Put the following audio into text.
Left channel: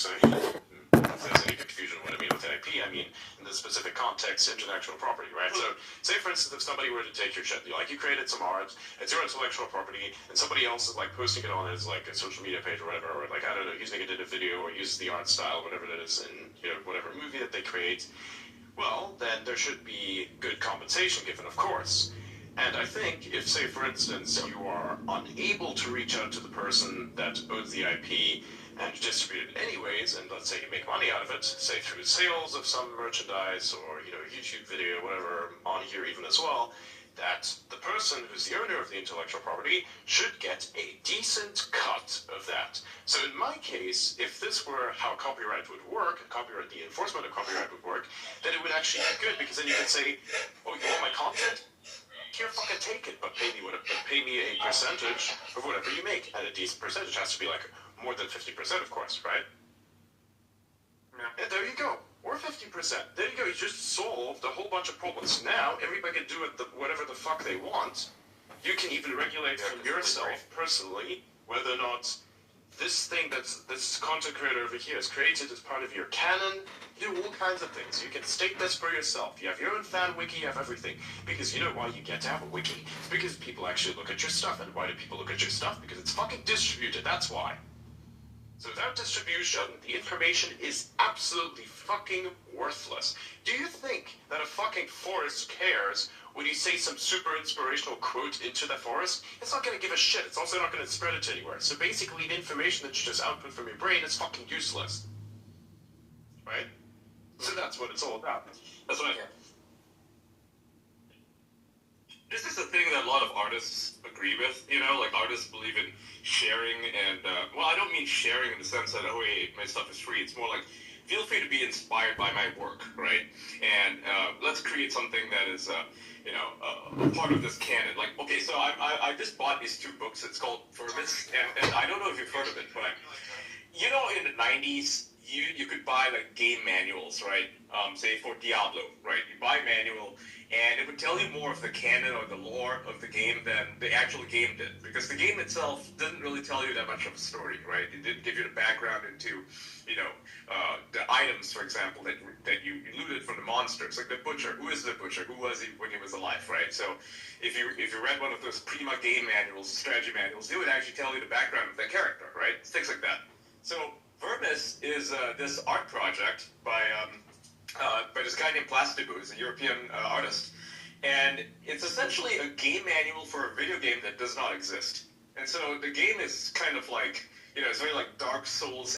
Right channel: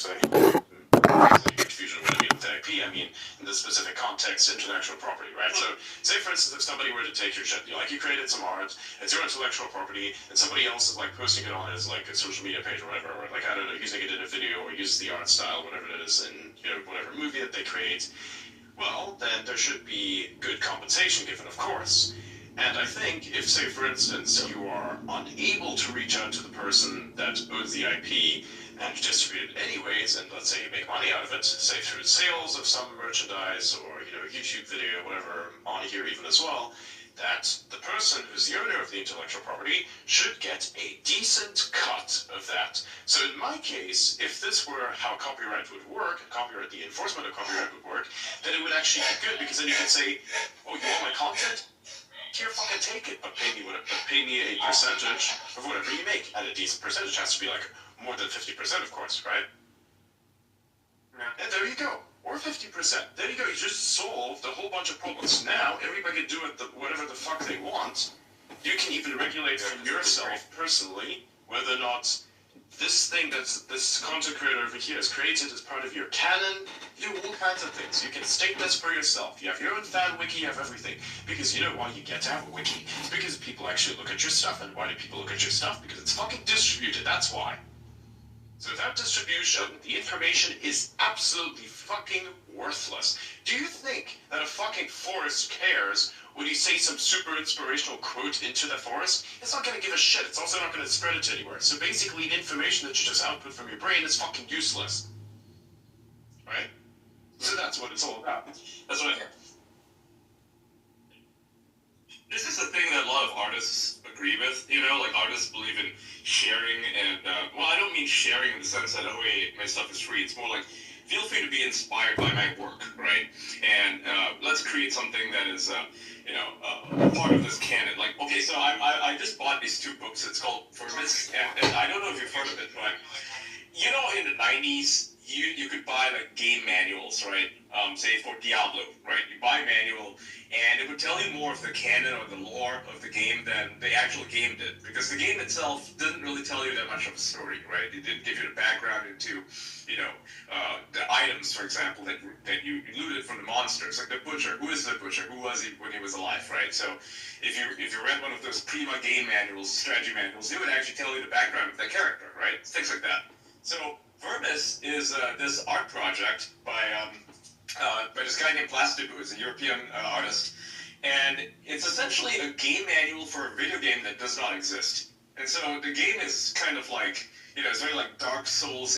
so there's any confusion with what I mean with IP. I mean, in the specific context, intellectual property, right? So, say for instance, if somebody were to take your shit, like you created some art, it's your intellectual property, and somebody else is like posting it on his like a social media page or whatever, or like I don't know, using it in a video or uses the art style, whatever it is, in whatever movie that they create. Well, then there should be good compensation given, of course. And I think if, say, for instance, you are unable to reach out to the person that owns the IP and distribute it anyways, and let's say you make money out of it, say through sales of some merchandise or, YouTube video, whatever, on here even as well, that the person who's the owner of the intellectual property should get a decent cut of that. So in my case, if this were how copyright would work, the enforcement of copyright would work, then it would actually be good, because then you could say, oh, you want my content? Here, fucking take it, but pay me a percentage of whatever you make. And a decent percentage has to be like more than 50%, of course, right? Yeah. And there you go. Or 50%. There you go. You just solved a whole bunch of problems. Now, everybody can do whatever the fuck they want. You can even regulate for yourself, personally, whether or not this thing this content creator over here has created as part of your canon. You do all kinds of things. You can state this for yourself. You have your own fan wiki, you have everything. Because you know why you get to have a wiki? It's because people actually look at your stuff. And why do people look at your stuff? Because it's fucking distributed. That's why. So without distribution, the information is absolutely fucking worthless. Do you think that a fucking forest cares when you say some super inspirational quote into the forest? It's not going to give a shit. It's also not going to spread it anywhere. So basically, the information that you just output from your brain is fucking useless. Right? So that's what it's all about. That's what I hear. This is a thing that a lot of artists agree with, like artists believe in sharing and, well, I don't mean sharing in the sense that, oh, hey, my stuff is free. It's more like, feel free to be inspired by my work, right? And let's create something that is, part of this canon. Like, okay, so I just bought these two books. It's called Verbis, and I don't know if you've heard of it, but, in the 90s, you could buy, like, game manuals, right? Say, for Diablo, right? You buy a manual, and it would tell you more of the canon or the lore of the game than the actual game did. Because the game itself didn't really tell you that much of a story, right? It didn't give you the background into, the items, for example, that you looted from the monsters. Like the Butcher. Who is the Butcher? Who was he when he was alive, right? So if you read one of those Prima game manuals, strategy manuals, it would actually tell you the background of that character, right? Things like that. So Verbis is this art project by this guy named Plastibu, who's a European artist, and it's essentially a game manual for a video game that does not exist. And so the game is kind of like, it's very like Dark Souls